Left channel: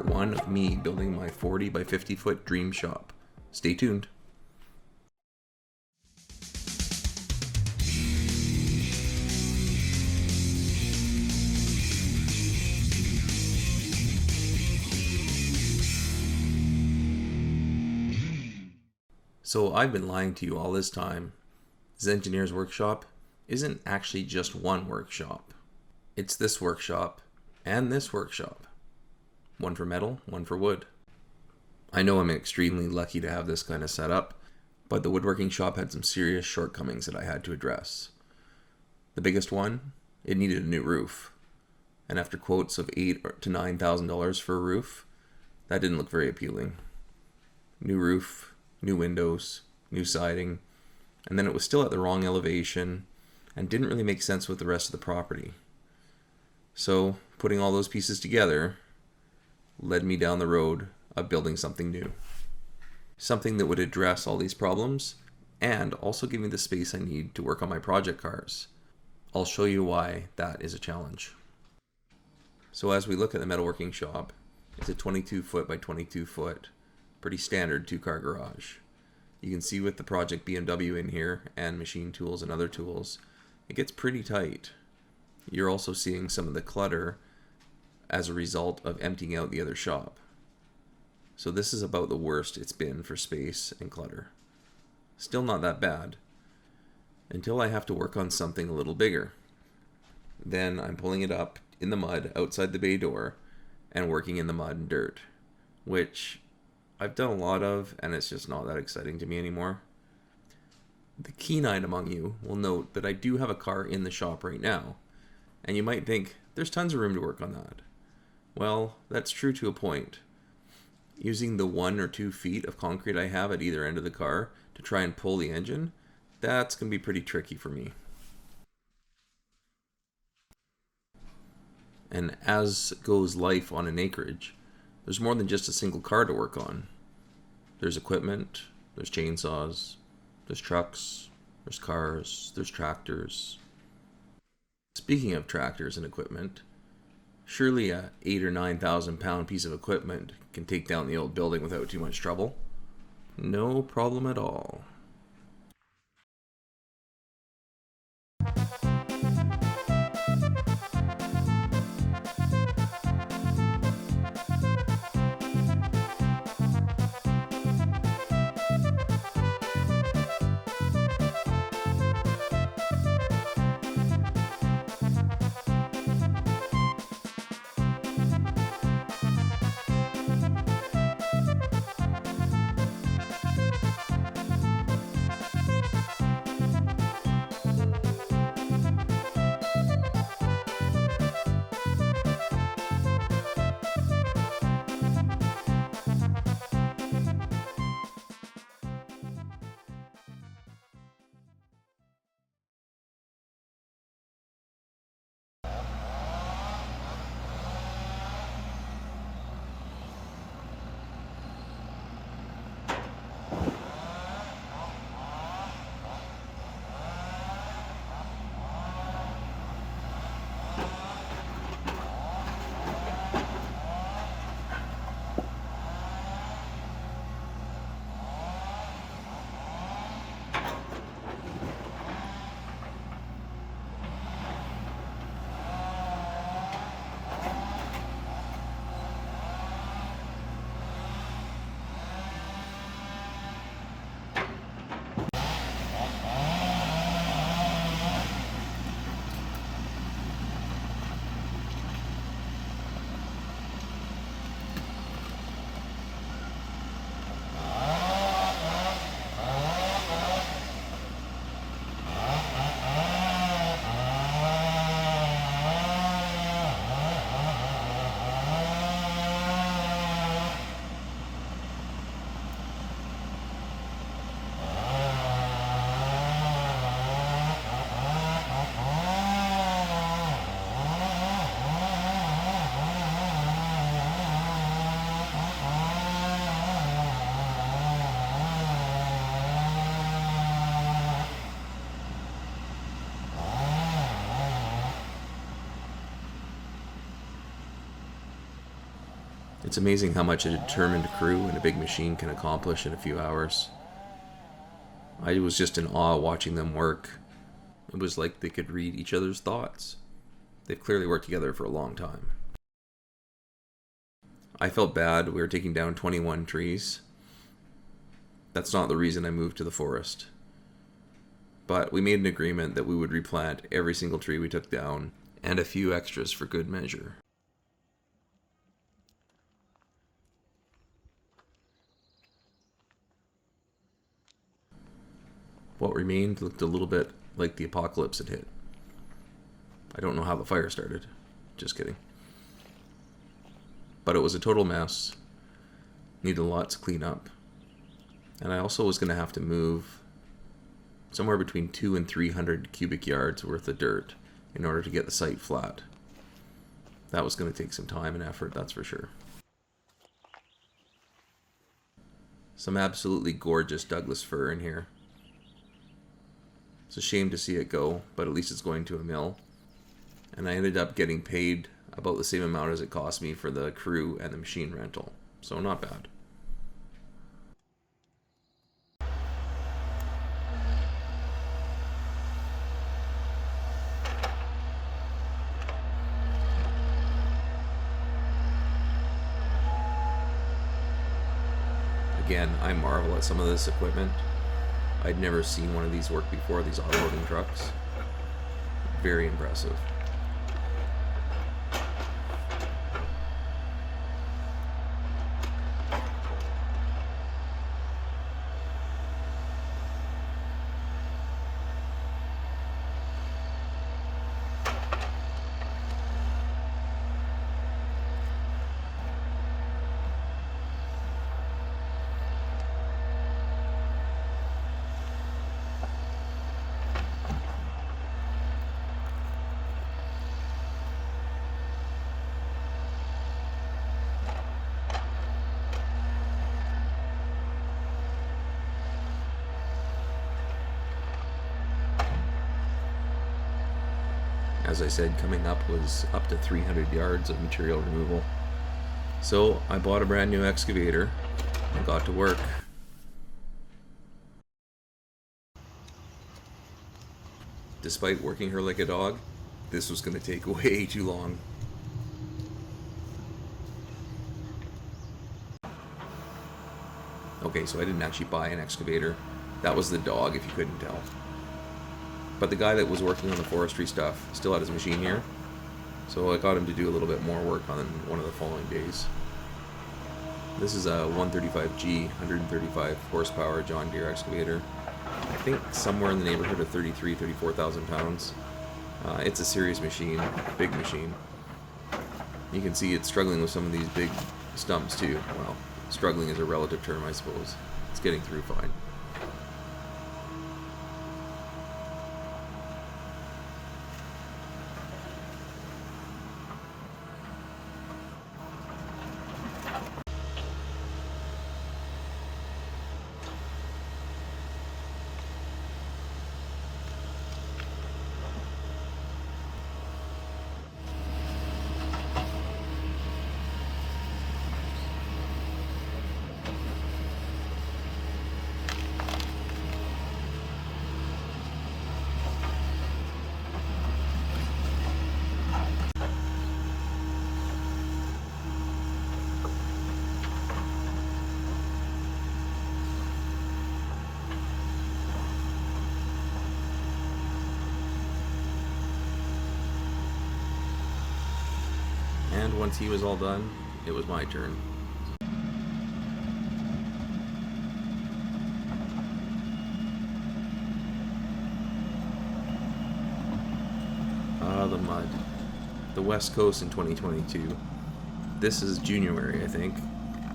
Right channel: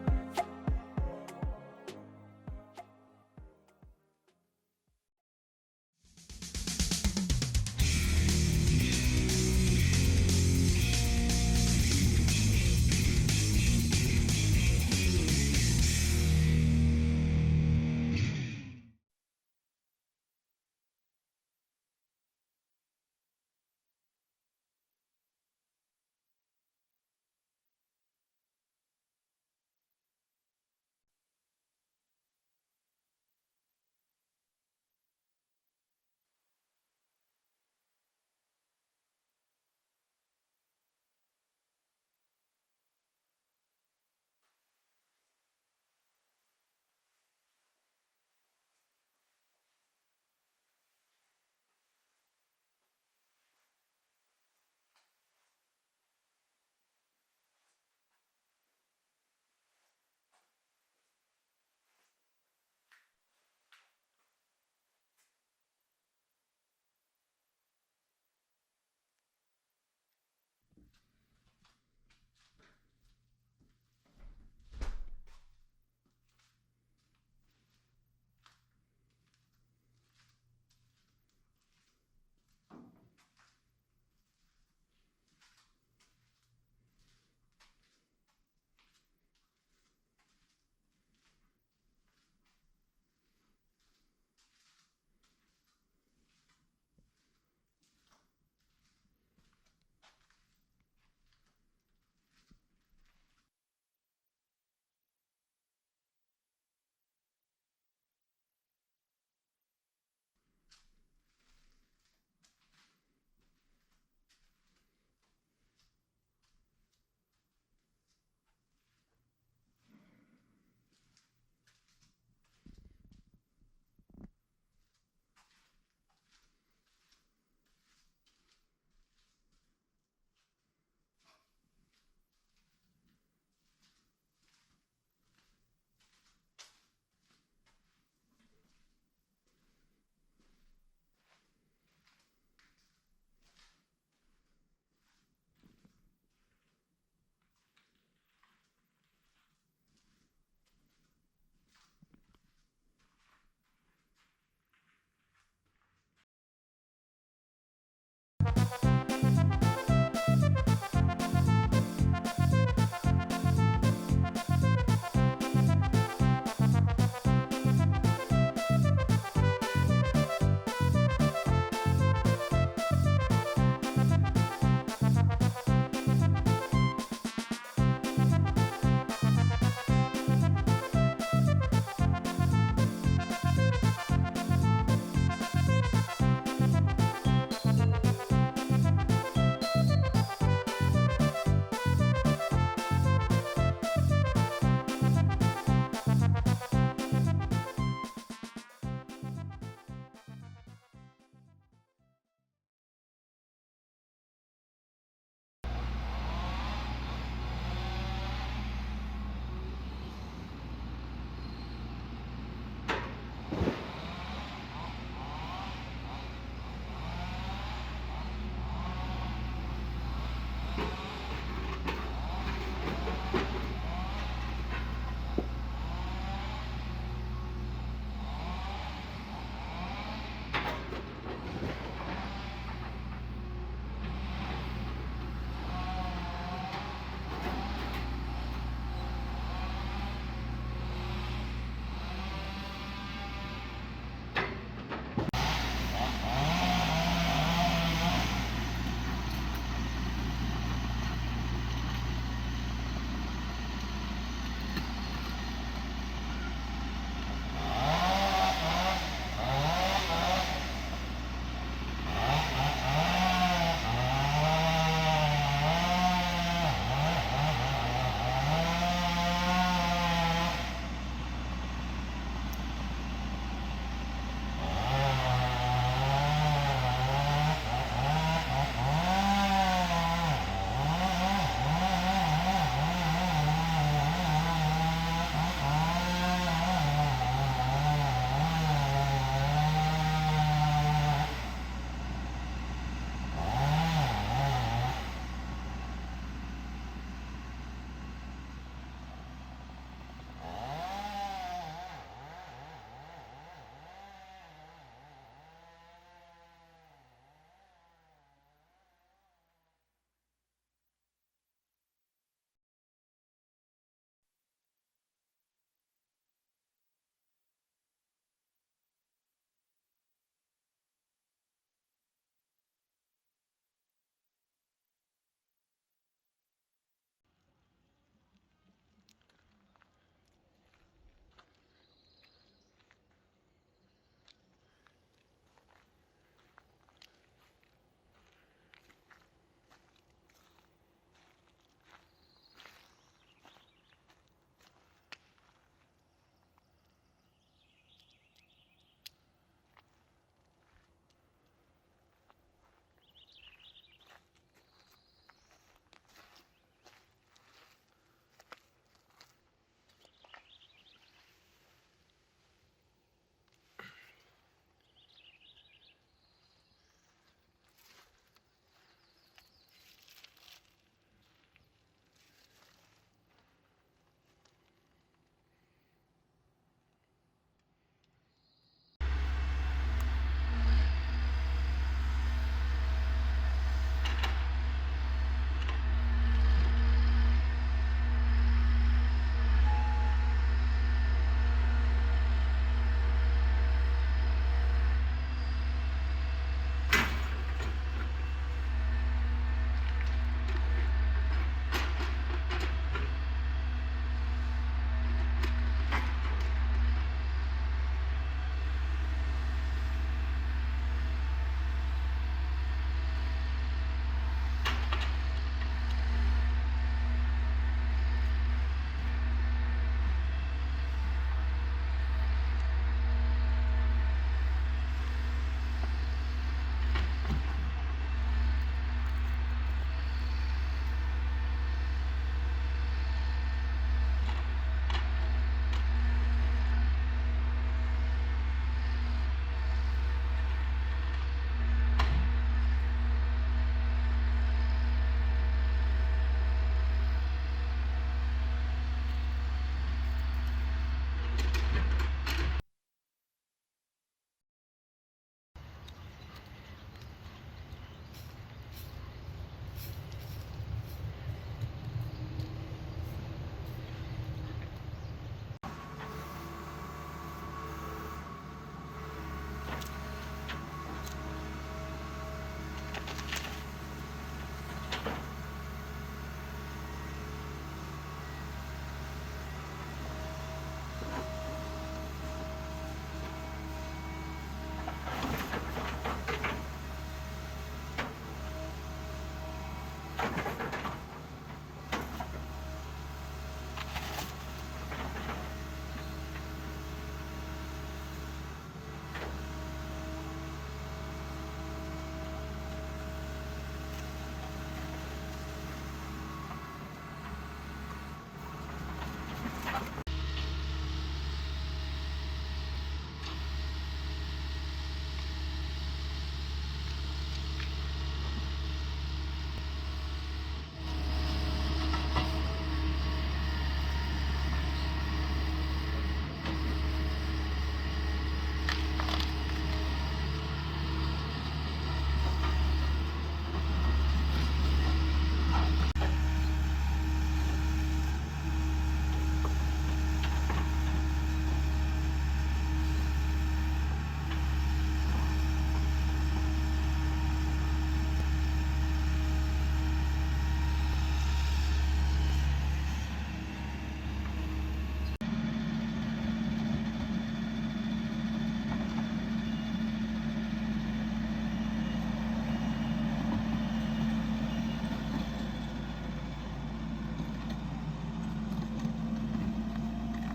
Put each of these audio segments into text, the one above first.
part 1 of me building my 40 by 50 foot dream shop. Stay tuned. So I've been lying to you all this time. Zengineer's workshop isn't actually just one workshop. It's this workshop and this workshop. One for metal, one for wood. I know I'm extremely lucky to have this kind of setup, but the woodworking shop had some serious shortcomings that I had to address. The biggest one, it needed a new roof. And after quotes of $8,000 to $9,000 for a roof, that didn't look very appealing. New roof, new windows, new siding, and then it was still at the wrong elevation and didn't really make sense with the rest of the property. So putting all those pieces together led me down the road of building something new. Something that would address all these problems and also give me the space I need to work on my project cars. I'll show you why that is a challenge. So as we look at the metalworking shop, it's a 22 foot by 22 foot pretty standard 2-car garage. You can see with the project BMW in here and machine tools and other tools, it gets pretty tight. You're also seeing some of the clutter as a result of emptying out the other shop. So this is about the worst it's been for space and clutter. Still not that bad, until I have to work on something a little bigger. Then I'm pulling it up in the mud outside the bay door and working in the mud and dirt, which I've done a lot of, and it's just not that exciting to me anymore. The keen-eyed among you will note that I do have a car in the shop right now, and you might think, there's tons of room to work on that. Well, that's true to a point. Using the 1 or 2 feet of concrete I have at either end of the car to try and pull the engine, that's going to be pretty tricky for me. And as goes life on an acreage, there's more than just a single car to work on. There's equipment, there's chainsaws, there's trucks, there's cars, there's tractors. Speaking of tractors and equipment, surely a 8,000 or 9,000 pound piece of equipment can take down the old building without too much trouble. No problem at all. It's amazing how much a determined crew and a big machine can accomplish in a few hours. I was just in awe watching them work. It was like they could read each other's thoughts. They've clearly worked together for a long time. I felt bad. We were taking down 21 trees. That's not the reason I moved to the forest. But we made an agreement that we would replant every single tree we took down, and a few extras for good measure. What remained looked a little bit like the apocalypse had hit. I don't know how the fire started. Just kidding. But it was a total mess. Needed a lot to clean up. And I also was going to have to move somewhere between 200 and 300 cubic yards worth of dirt in order to get the site flat. That was going to take some time and effort, that's for sure. Some absolutely gorgeous Douglas fir in here. It's a shame to see it go, but at least it's going to a mill. And I ended up getting paid about the same amount as it cost me for the crew and the machine rental. So not bad. Again, I marvel at some of this equipment. I'd never seen one of these work before, these offloading trucks. Very impressive. As I said, coming up was up to 300 yards of material removal. So I bought a brand new excavator and got to work. Despite working her like a dog, this was going to take way too long. Okay, so I didn't actually buy an excavator. That was the dog, if you couldn't tell. But the guy that was working on the forestry stuff still had his machine here, so I got him to do a little bit more work on one of the following days. This is a 135G, 135 horsepower John Deere excavator. I think somewhere in the neighborhood of 34,000 pounds. It's a serious machine, a big machine. You can see it's struggling with some of these big stumps too. Well, struggling is a relative term, I suppose. It's getting through fine. Once he was all done, it was my turn. The mud. The West Coast in 2022. This is January, I think,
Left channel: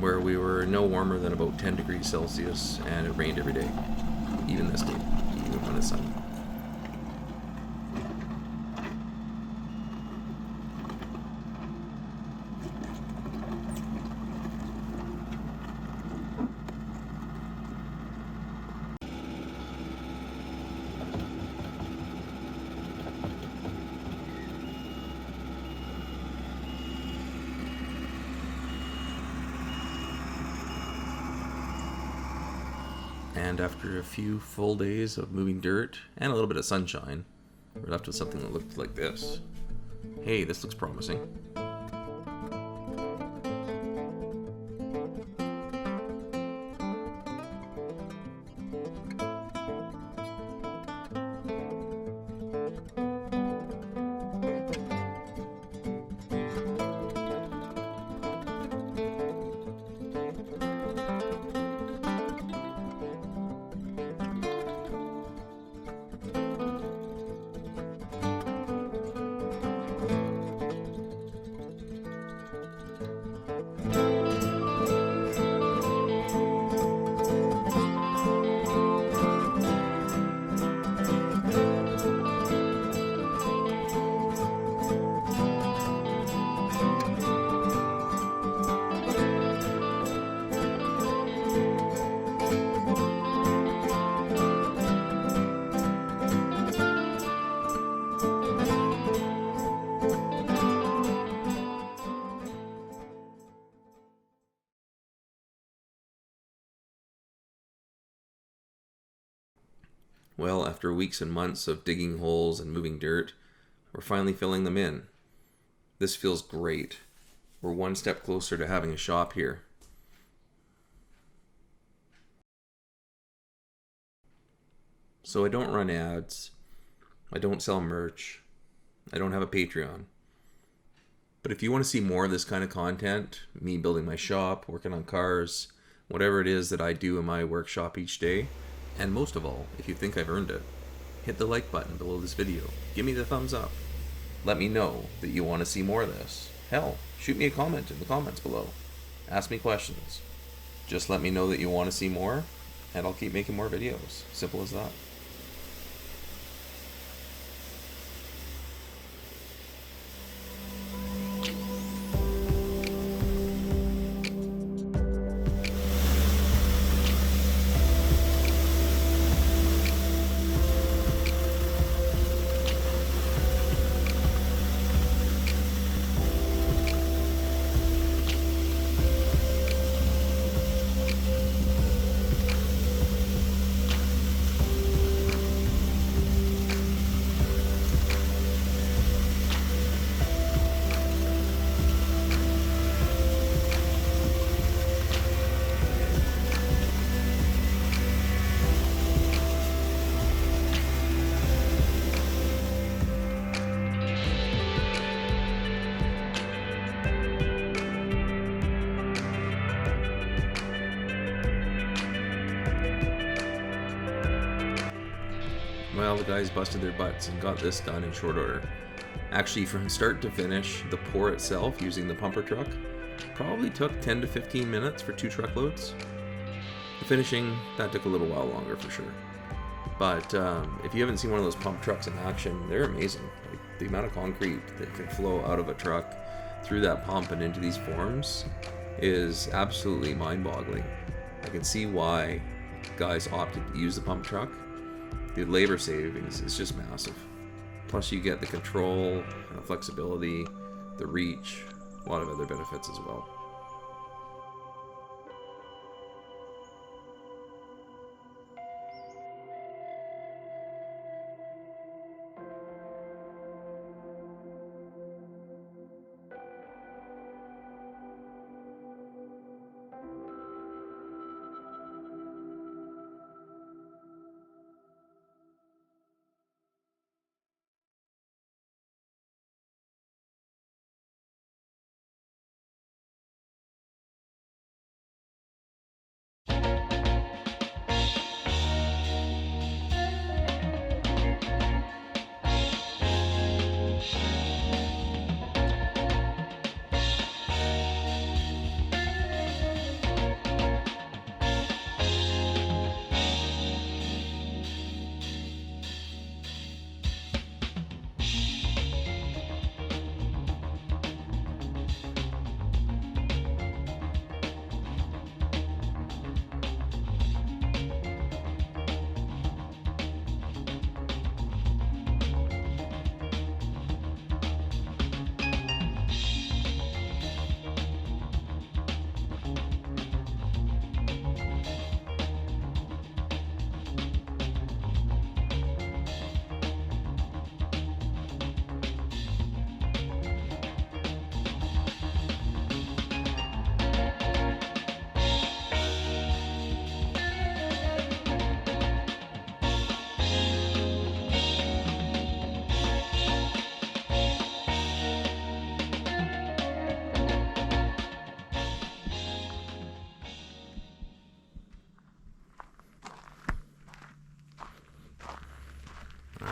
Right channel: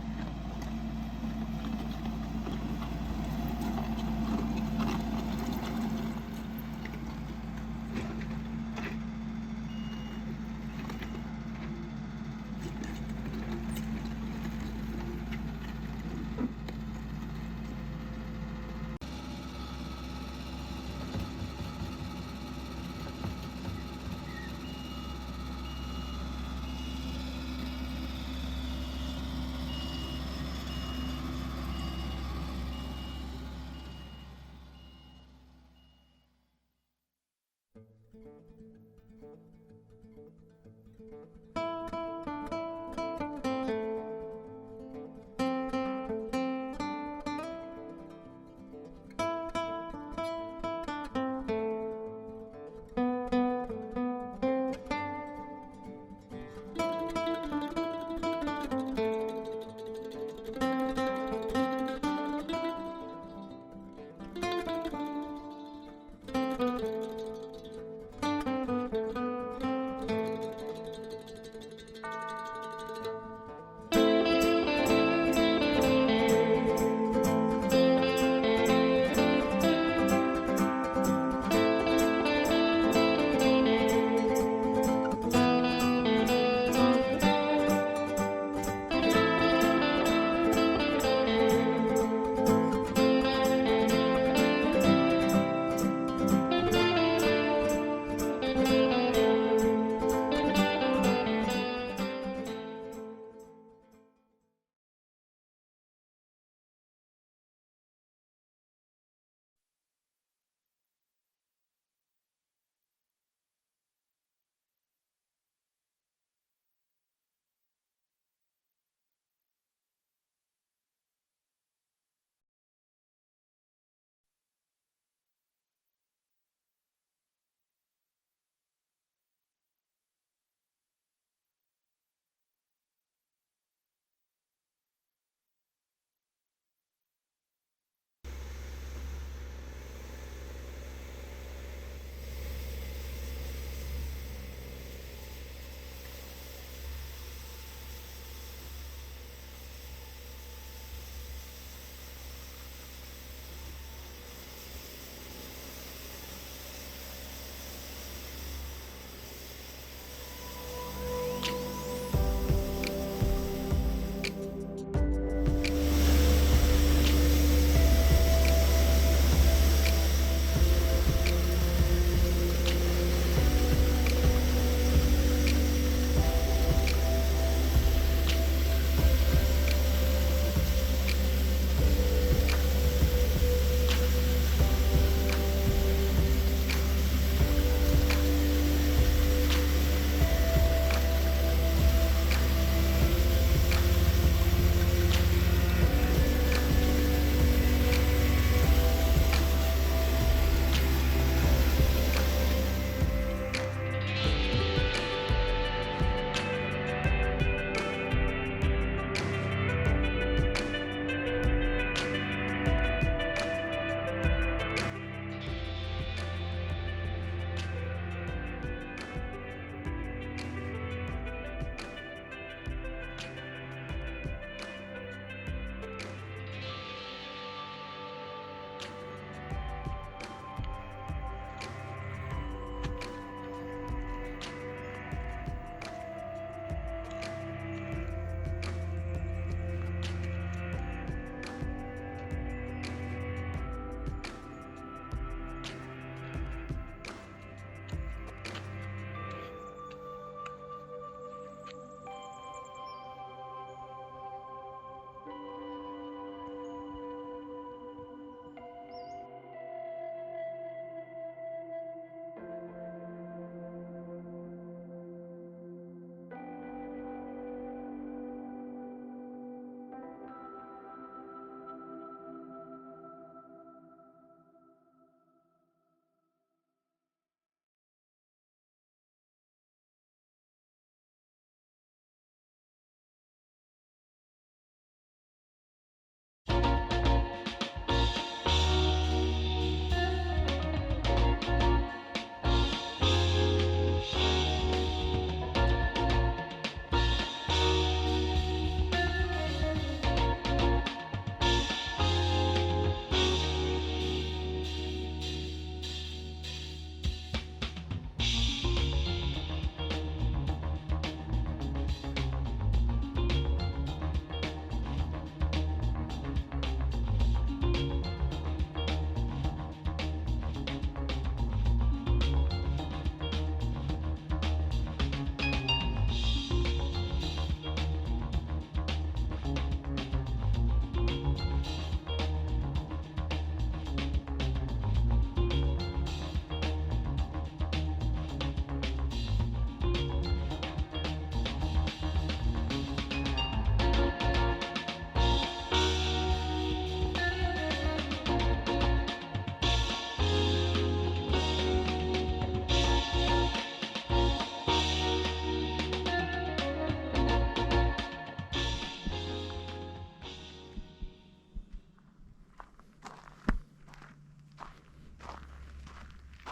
where we were no warmer than about 10 degrees Celsius, and it rained every day. Even this day, even on the sun. And after a few full days of moving dirt and a little bit of sunshine, we're left with something that looked like this. Hey, this looks promising. Well, after weeks and months of digging holes and moving dirt, we're finally filling them in. This feels great. We're one step closer to having a shop here. So I don't run ads. I don't sell merch. I don't have a Patreon. But if you want to see more of this kind of content, me building my shop, working on cars, whatever it is that I do in my workshop each day, and most of all, if you think I've earned it, hit the like button below this video. Give me the thumbs up. Let me know that you want to see more of this. Hell, shoot me a comment in the comments below. Ask me questions. Just let me know that you want to see more, and I'll keep making more videos. Simple as that. Well, the guys busted their butts and got this done in short order. Actually, from start to finish, the pour itself using the pumper truck probably took 10 to 15 minutes for 2 truckloads. The finishing, that took a little while longer for sure. But if you haven't seen one of those pump trucks in action, they're amazing. Like, the amount of concrete that can flow out of a truck through that pump and into these forms is absolutely mind-boggling. I can see why guys opted to use the pump truck. The labor savings is just massive. Plus you get the control, the flexibility, the reach, a lot of other benefits as well.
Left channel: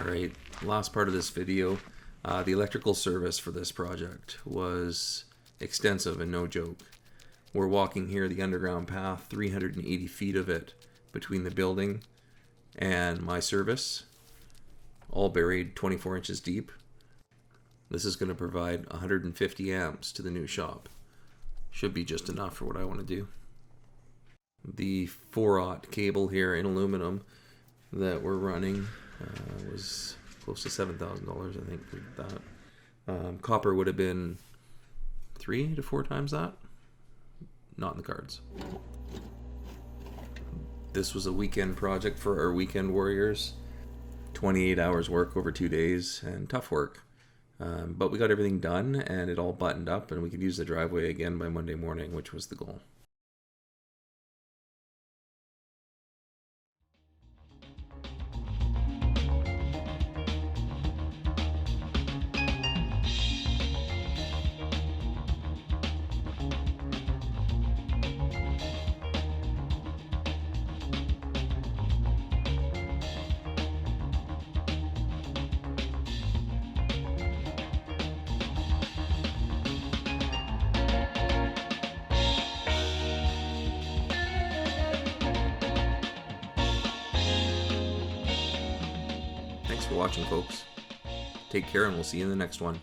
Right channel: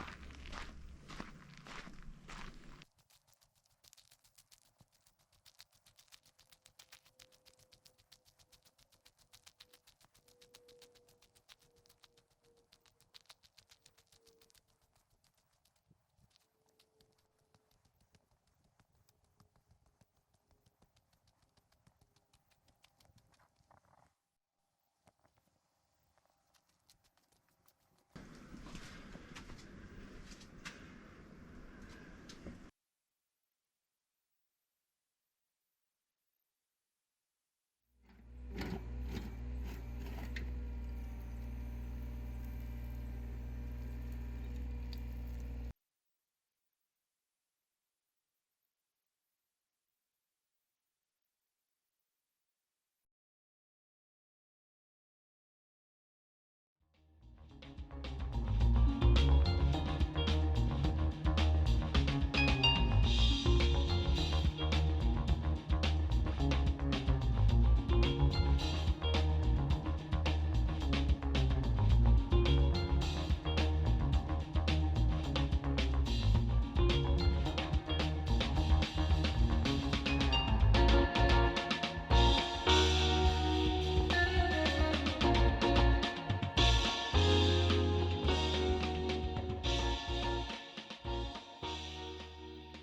Alright, last part of this video. The electrical service for this project was extensive and no joke. We're walking here the underground path, 380 feet of it between the building and my service, all buried 24 inches deep. This is going to provide 150 amps to the new shop. Should be just enough for what I want to do. The 4/0 cable here in aluminum that we're running was close to $7,000, I think, for that. Copper would have been 3 to 4 times that. Not in the cards. This was a weekend project for our weekend warriors. 28 hours work over 2 days, and tough work. But we got everything done, and it all buttoned up, and we could use the driveway again by Monday morning, which was the goal. Watching, folks. Take care, and we'll see you in the next one.